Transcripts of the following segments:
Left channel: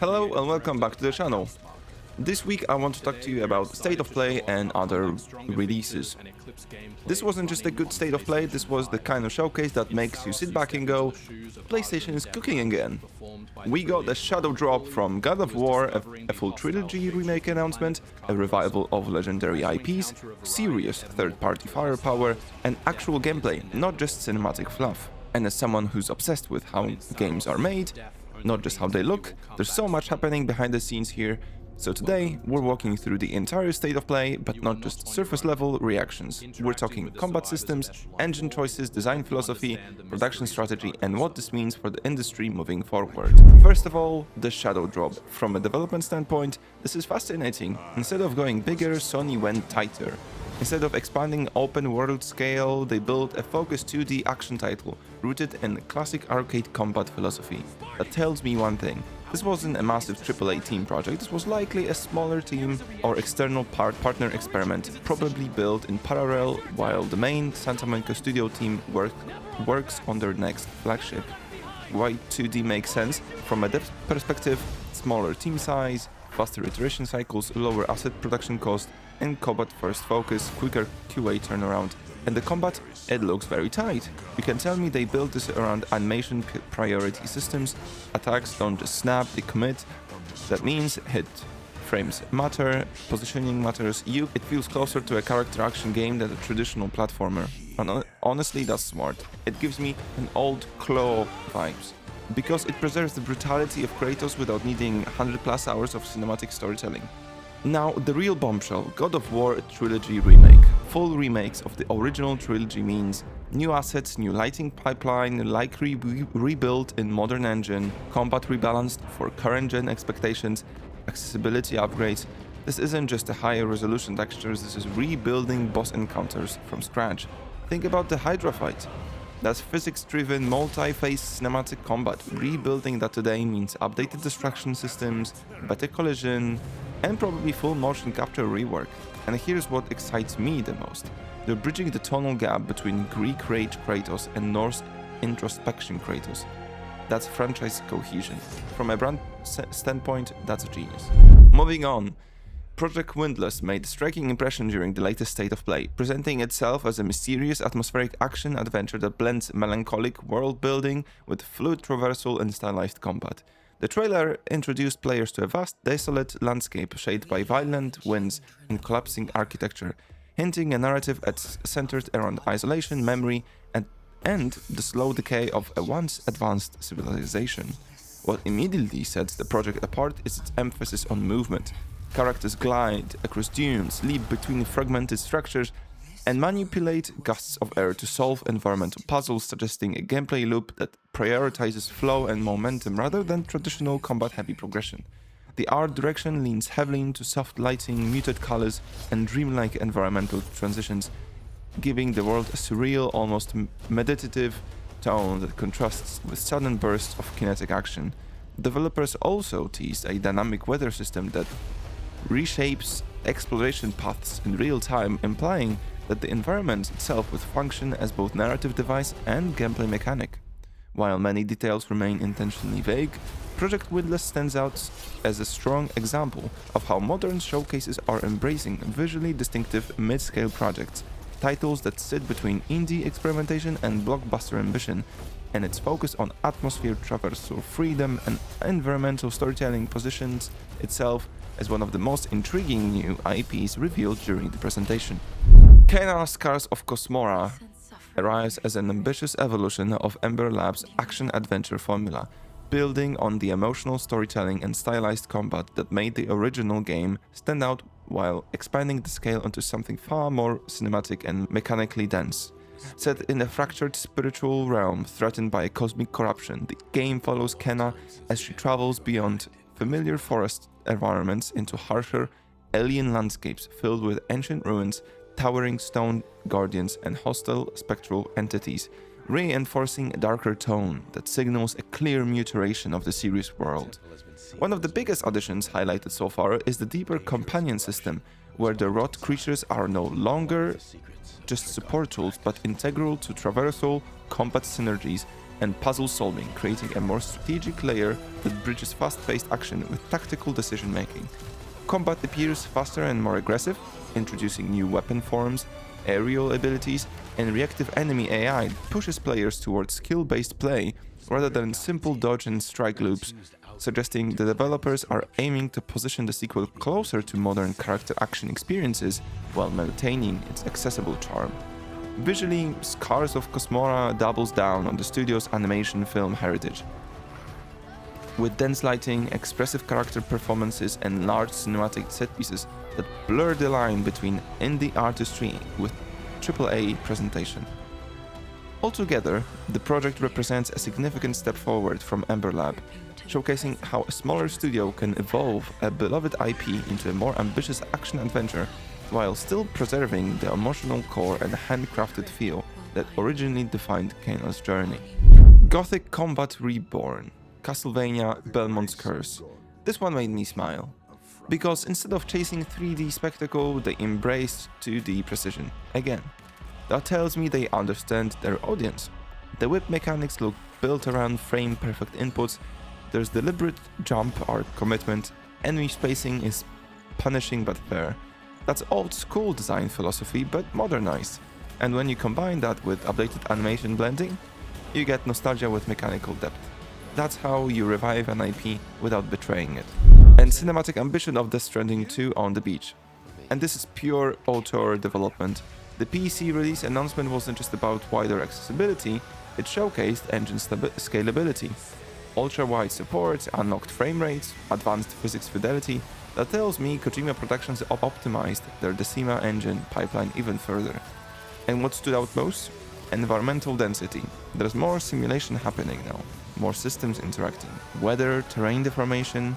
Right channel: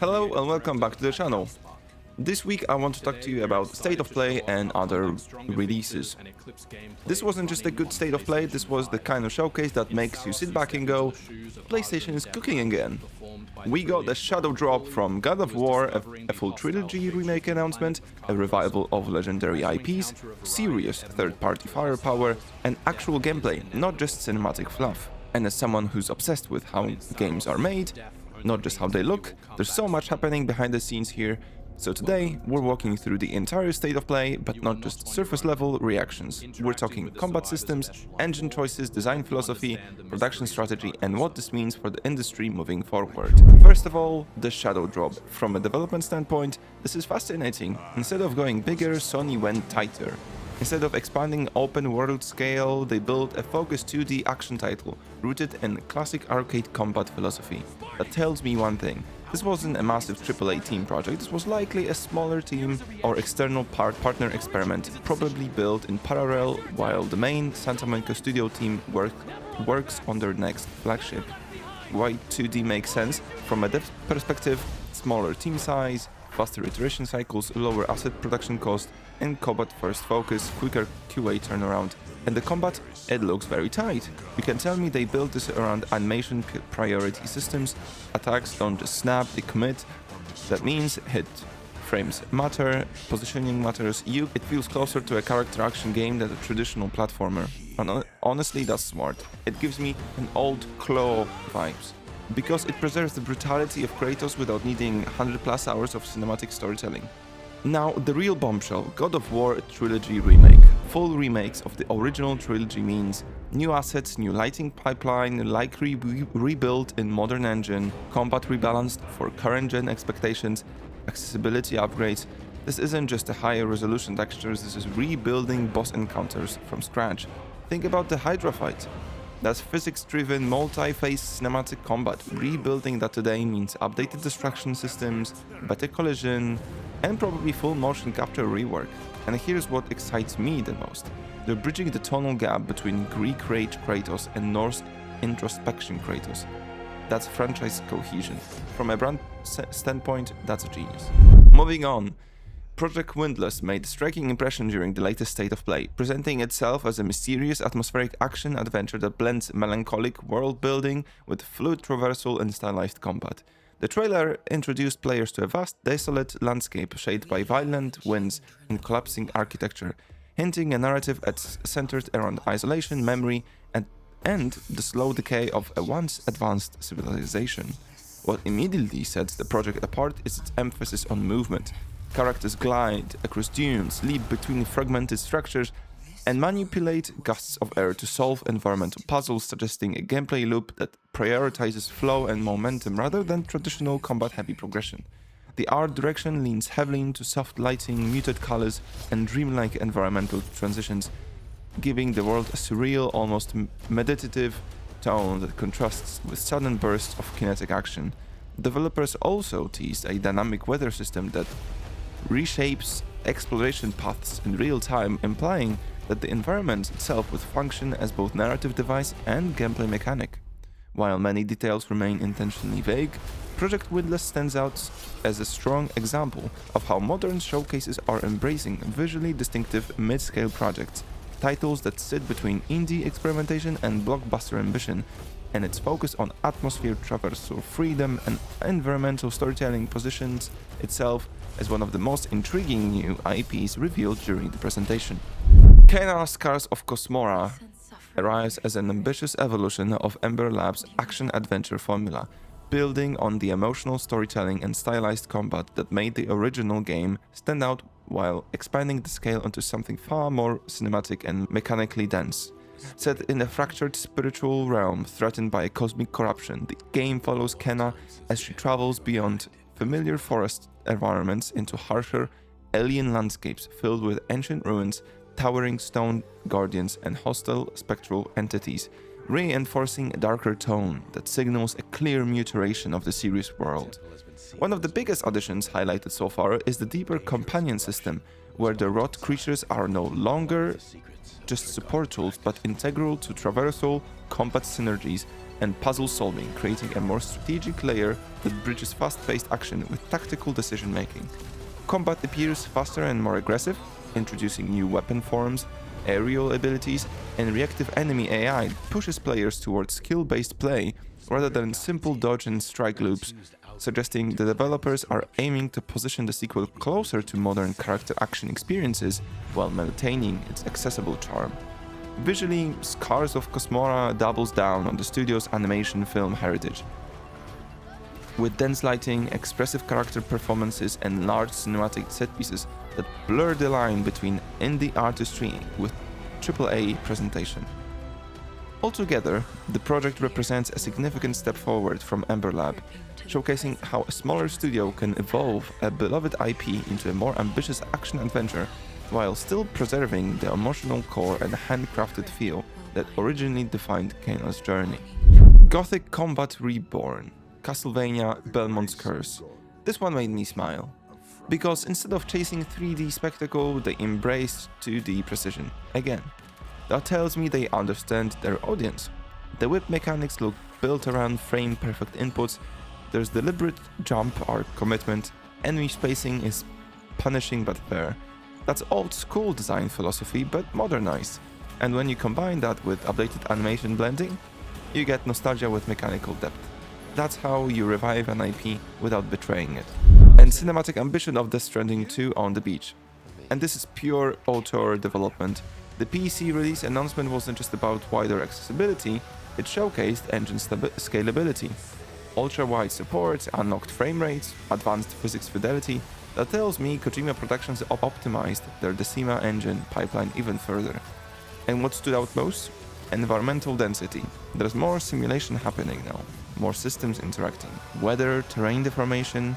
Hello and welcome back to the channel. This week I want to talk to you about State of Play and other releases. This wasn't just a good State of Play, this was the kind of showcase that makes you sit back and go, PlayStation is cooking again. We got a shadow drop from God of War, a full trilogy remake announcement, a revival of legendary IPs, serious third-party firepower, and actual gameplay, not just cinematic fluff. And as someone who's obsessed with how games are made, not just how they look, there's so much happening behind the scenes here. So today, we're walking through the entire State of Play, but not just surface-level reactions. We're talking combat systems, engine choices, design philosophy, production strategy, and what this means for the industry moving forward. First of all, the shadow drop. From a development standpoint, this is fascinating. Instead of going bigger, Sony went tighter. Instead of expanding open world scale, they built a focused 2D action title, rooted in classic arcade combat philosophy. That tells me one thing. This wasn't a massive AAA team project, this was likely a smaller team or external partner experiment, probably built in parallel while the main Santa Monica studio team works on their next flagship. Why 2D makes sense? From a dev perspective, smaller team size, faster iteration cycles, lower asset production cost, and combat first focus, quicker QA turnaround. And the combat, it looks very tight. You can tell me they built this around animation priority systems. Attacks don't just snap, they commit. That means hit frames matter, positioning matters. It feels closer to a character action game than a traditional platformer. And honestly, that's smart. It gives me an old Claw vibes, because it preserves the brutality of Kratos without needing 100+ hours of cinematic storytelling. Now, the real bombshell, God of War Trilogy Remake. Full remakes of the original trilogy means new assets, new lighting pipeline, likely rebuilt in modern engine, combat rebalanced for current gen expectations, accessibility upgrades. This isn't just a higher resolution textures, this is rebuilding boss encounters from scratch. Think about the Hydra fight. That's physics-driven, multi-phase cinematic combat. Rebuilding that today means updated distraction systems, better collision, and probably full motion capture rework. And here's what excites me the most. They're bridging the tonal gap between Greek rage Kratos and Norse introspection Kratos. That's franchise cohesion. From a brand standpoint, that's a genius. Moving on. Project Windless made a striking impression during the latest State of Play, presenting itself as a mysterious atmospheric action adventure that blends melancholic world building with fluid traversal and stylized combat. The trailer introduced players to a vast, desolate landscape shaped by violent winds and collapsing architecture, hinting a narrative centered around isolation, memory, and the slow decay of a once advanced civilization. What immediately sets the project apart is its emphasis on movement. Characters glide across dunes, leap between fragmented structures, and manipulate gusts of air to solve environmental puzzles, suggesting a gameplay loop that prioritizes flow and momentum rather than traditional combat-heavy progression. The art direction leans heavily into soft lighting, muted colors, and dreamlike environmental transitions, giving the world a surreal, almost meditative tone that contrasts with sudden bursts of kinetic action. Developers also teased a dynamic weather system that reshapes exploration paths in real time, implying that the environment itself would function as both narrative device and gameplay mechanic. While many details remain intentionally vague, Project Windless stands out as a strong example of how modern showcases are embracing visually distinctive mid-scale projects, titles that sit between indie experimentation and blockbuster ambition, and its focus on atmosphere traversal freedom and environmental storytelling positions itself as one of the most intriguing new IPs revealed during the presentation. Kena Scars of Cosmora arrives as an ambitious evolution of Ember Labs' action-adventure formula, building on the emotional storytelling and stylized combat that made the original game stand out while expanding the scale onto something far more cinematic and mechanically dense. Set in a fractured spiritual realm threatened by cosmic corruption, the game follows Kena as she travels beyond familiar forest environments into harsher, alien landscapes filled with ancient ruins, towering stone guardians, and hostile spectral entities, reinforcing a darker tone that signals a clear mutation of the series world. One of the biggest additions highlighted so far is the deeper companion system, where the rot creatures are no longer just support tools but integral to traversal combat synergies, and puzzle solving, creating a more strategic layer that bridges fast-paced action with tactical decision-making. Combat appears faster and more aggressive, introducing new weapon forms, aerial abilities, and reactive enemy AI that pushes players towards skill-based play rather than simple dodge and strike loops, suggesting the developers are aiming to position the sequel closer to modern character action experiences while maintaining its accessible charm. Visually, Scars of Cosmora doubles down on the studio's animation film heritage. With dense lighting, expressive character performances, and large cinematic set pieces that blur the line between indie artistry with AAA presentation. Altogether, the project represents a significant step forward from Ember Lab, showcasing how a smaller studio can evolve a beloved IP into a more ambitious action-adventure while still preserving the emotional core and handcrafted feel that originally defined Keno's journey. Gothic Combat Reborn, Castlevania Belmont's Curse. This one made me smile, because instead of chasing 3D spectacle, they embraced 2D precision again. That tells me they understand their audience. The whip mechanics look built around frame-perfect inputs, there's deliberate jump arc commitment, enemy spacing is punishing but fair. That's old-school design philosophy but modernized, and when you combine that with updated animation blending, you get nostalgia with mechanical depth. That's how you revive an IP without betraying it. And cinematic ambition of Death Stranding 2 on the beach. And this is pure auteur development. The PC release announcement wasn't just about wider accessibility, it showcased engine scalability. Ultra-wide support, unlocked frame rates, advanced physics fidelity. That tells me Kojima Productions optimized their Decima engine pipeline even further. And what stood out most? Environmental density. There's more simulation happening now, more systems interacting. Weather, terrain deformation,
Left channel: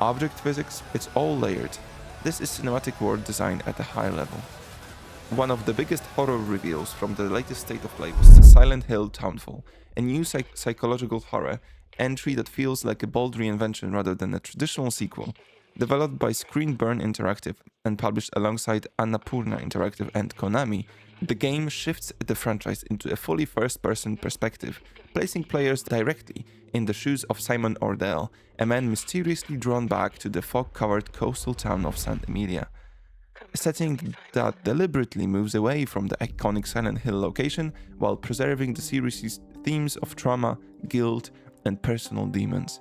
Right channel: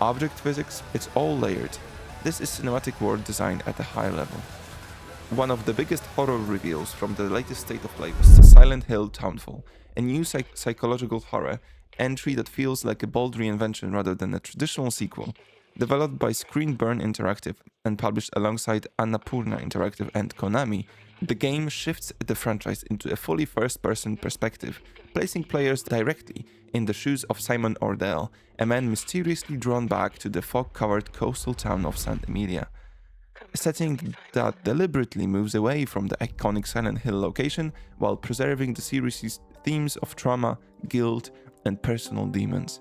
object physics, it's all layered. This is cinematic world design at a high level. One of the biggest horror reveals from the latest State of Play was Silent Hill Townfall, a new psychological horror entry that feels like a bold reinvention rather than a traditional sequel. Developed by Screenburn Interactive and published alongside Annapurna Interactive and Konami, the game shifts the franchise into a fully first-person perspective, placing players directly in the shoes of Simon Ordell, a man mysteriously drawn back to the fog-covered coastal town of St. Emilia. A setting that deliberately moves away from the iconic Silent Hill location while preserving the series' themes of trauma, guilt, and personal demons.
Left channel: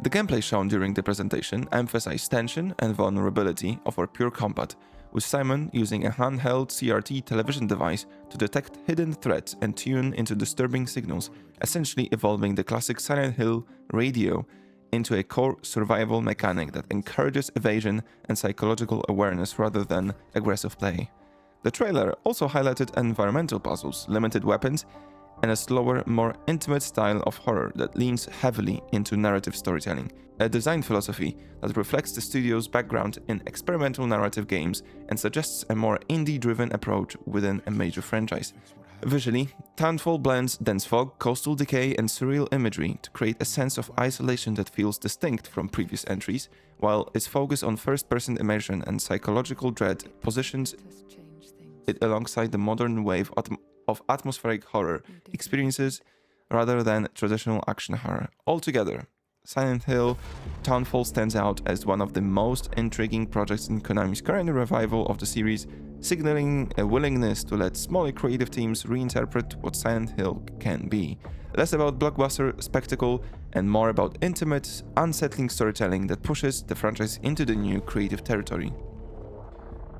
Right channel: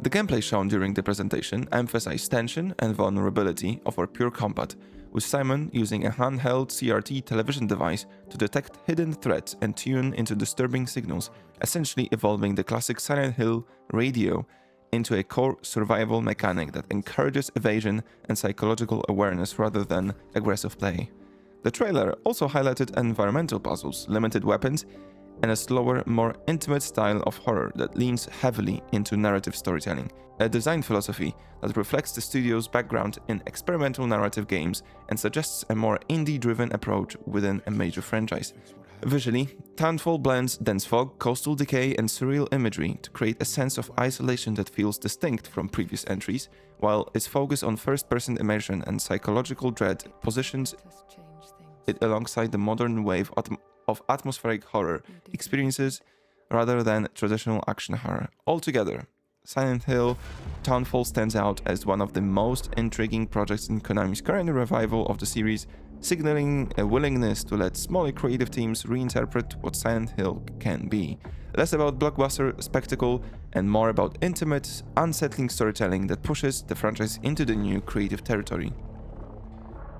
The gameplay shown during the presentation emphasized tension and vulnerability over pure combat, with Simon using a handheld CRT television device to detect hidden threats and tune into disturbing signals, essentially evolving the classic Silent Hill radio into a core survival mechanic that encourages evasion and psychological awareness rather than aggressive play. The trailer also highlighted environmental puzzles, limited weapons, and a slower, more intimate style of horror that leans heavily into narrative storytelling, a design philosophy that reflects the studio's background in experimental narrative games and suggests a more indie-driven approach within a major franchise. Visually, Townfall blends dense fog, coastal decay, and surreal imagery to create a sense of isolation that feels distinct from previous entries, while its focus on first-person immersion and psychological dread positions it alongside the modern wave of atmospheric horror experiences rather than traditional action horror. Altogether, Silent Hill Townfall stands out as one of the most intriguing projects in Konami's current revival of the series, signaling a willingness to let smaller creative teams reinterpret what Silent Hill can be. Less about blockbuster spectacle and more about intimate, unsettling storytelling that pushes the franchise into the new creative territory.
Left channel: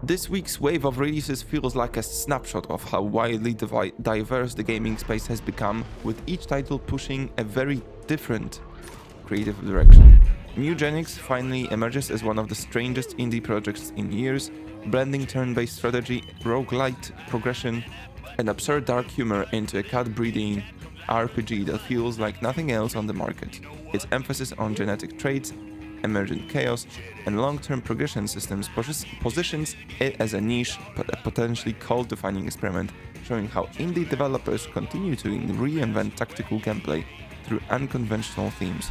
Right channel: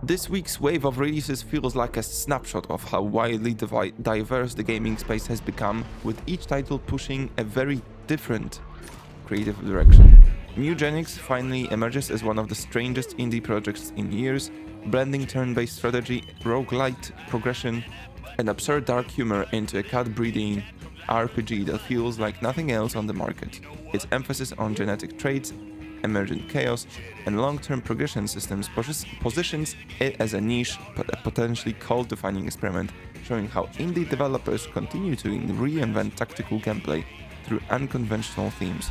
This week's wave of releases feels like a snapshot of how widely diverse the gaming space has become, with each title pushing a very different creative direction. Mugenix finally emerges as one of the strangest indie projects in years, blending turn-based strategy, roguelite progression, and absurd dark humor into a cat-breeding RPG that feels like nothing else on the market. Its emphasis on genetic traits, emergent chaos, and long-term progression systems positions it as a niche but a potentially cult-defining experiment, showing how indie developers continue to reinvent tactical gameplay through unconventional themes.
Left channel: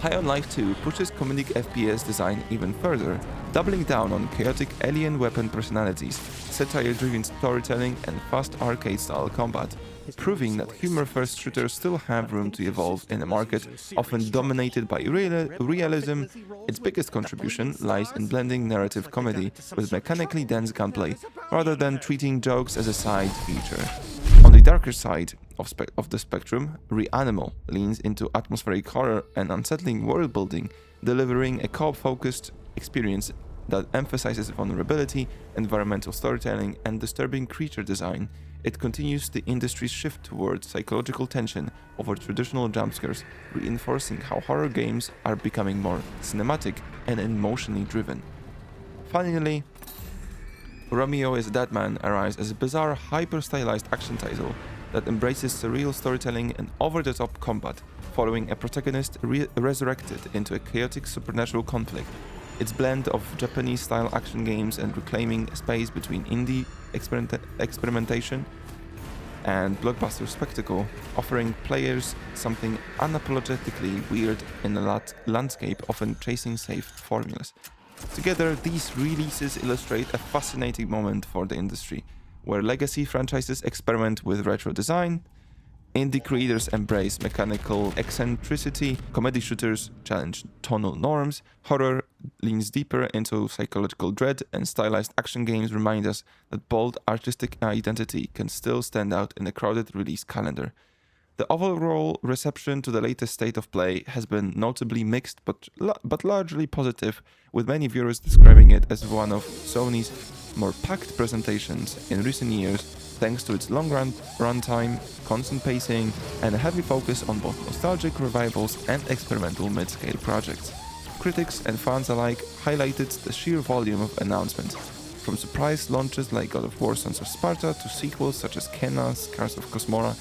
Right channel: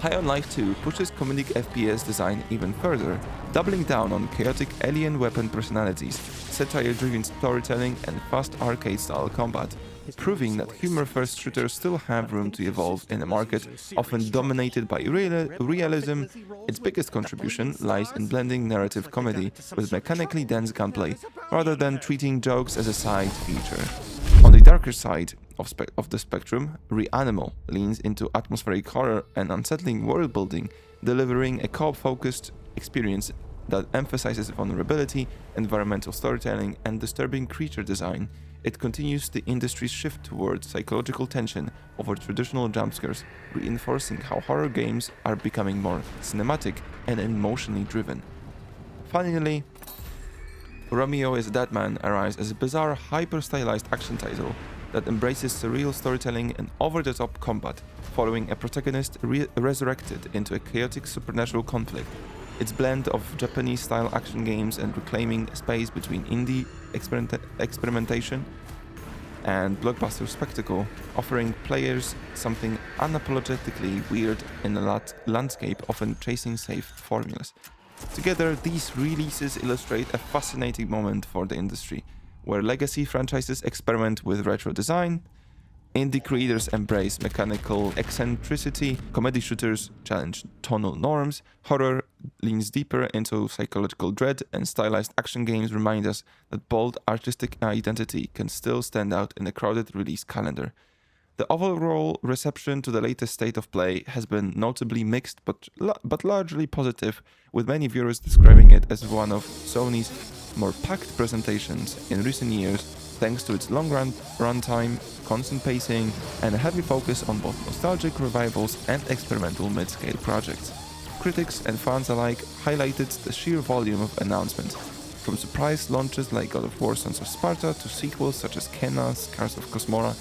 High on Life 2 pushes comedic FPS design even further, doubling down on chaotic alien weapon personalities, satire-driven storytelling, and fast arcade-style combat. proving that humor-first shooters still have room to evolve in a market often dominated by realism. Its biggest contribution lies in blending narrative comedy with mechanically dense gunplay, rather than treating jokes as a side feature. On the darker side of the spectrum, Reanimal leans into atmospheric horror and unsettling world building, delivering a co-op-focused experience that emphasizes vulnerability, environmental storytelling, and disturbing creature design. It continues the industry's shift towards psychological tension over traditional jumpscares, reinforcing how horror games are becoming more cinematic and emotionally driven. Finally, Romeo is a Dead Man arrives as a bizarre, hyper-stylized action title that embraces surreal storytelling and over-the-top combat, following a protagonist resurrected into a chaotic supernatural conflict. Its blend of Japanese-style action games and reclaiming space between indie experimentation and blockbuster spectacle, offering players something unapologetically weird in a landscape often chasing safe formulas. Together, these releases illustrate a fascinating moment for the industry, where legacy franchises experiment with retro design, indie creators embrace mechanical eccentricity, comedy shooters challenge tonal norms, horror leans deeper into psychological dread, and stylized action games remind us that bold artistic identity can still stand out in a crowded release calendar. The overall reception to the latest State of Play has been notably mixed but largely positive, with many viewers describing it as one of Sony's more packed presentations in recent years, thanks to its long runtime, constant pacing, and a heavy focus on both nostalgic revivals and experimental mid-scale projects. Critics and fans alike highlighted the sheer volume of announcements, from surprise launches like God of War Sons of Sparta to sequels such as Kena, Scars of Cosmora,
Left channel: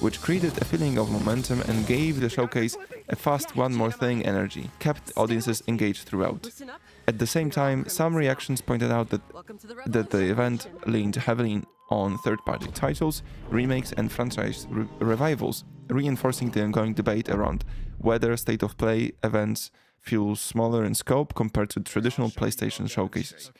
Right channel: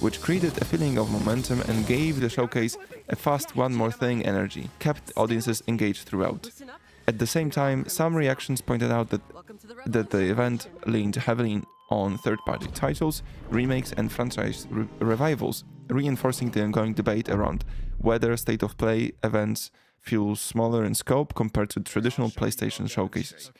which created a feeling of momentum and gave the showcase a fast one more thing energy, kept audiences engaged throughout. At the same time, some reactions pointed out that the event leaned heavily on third-party titles, remakes and franchise revivals, reinforcing the ongoing debate around whether State of Play events feel smaller in scope compared to traditional PlayStation showcases.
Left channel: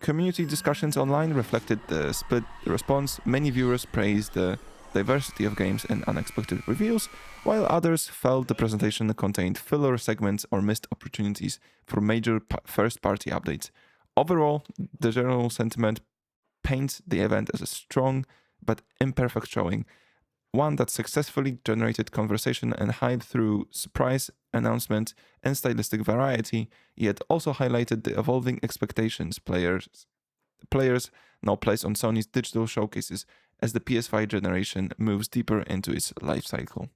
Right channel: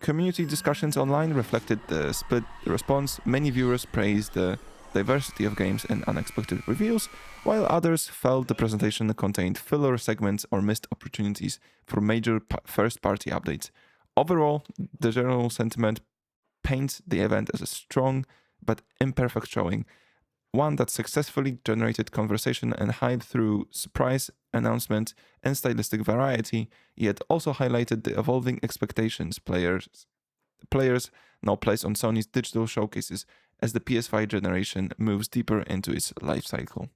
Community discussions online reflected the split response. Many viewers praised the diversity of games and unexpected reveals, while others felt the presentation contained filler segments or missed opportunities for major first-party updates. Overall, the general sentiment paints the event as a strong but imperfect showing, one that successfully generated conversation and hype through surprise announcements and stylistic variety, yet also highlighted the evolving expectations players now place on Sony's digital showcases as the PS5 generation moves deeper into its life cycle.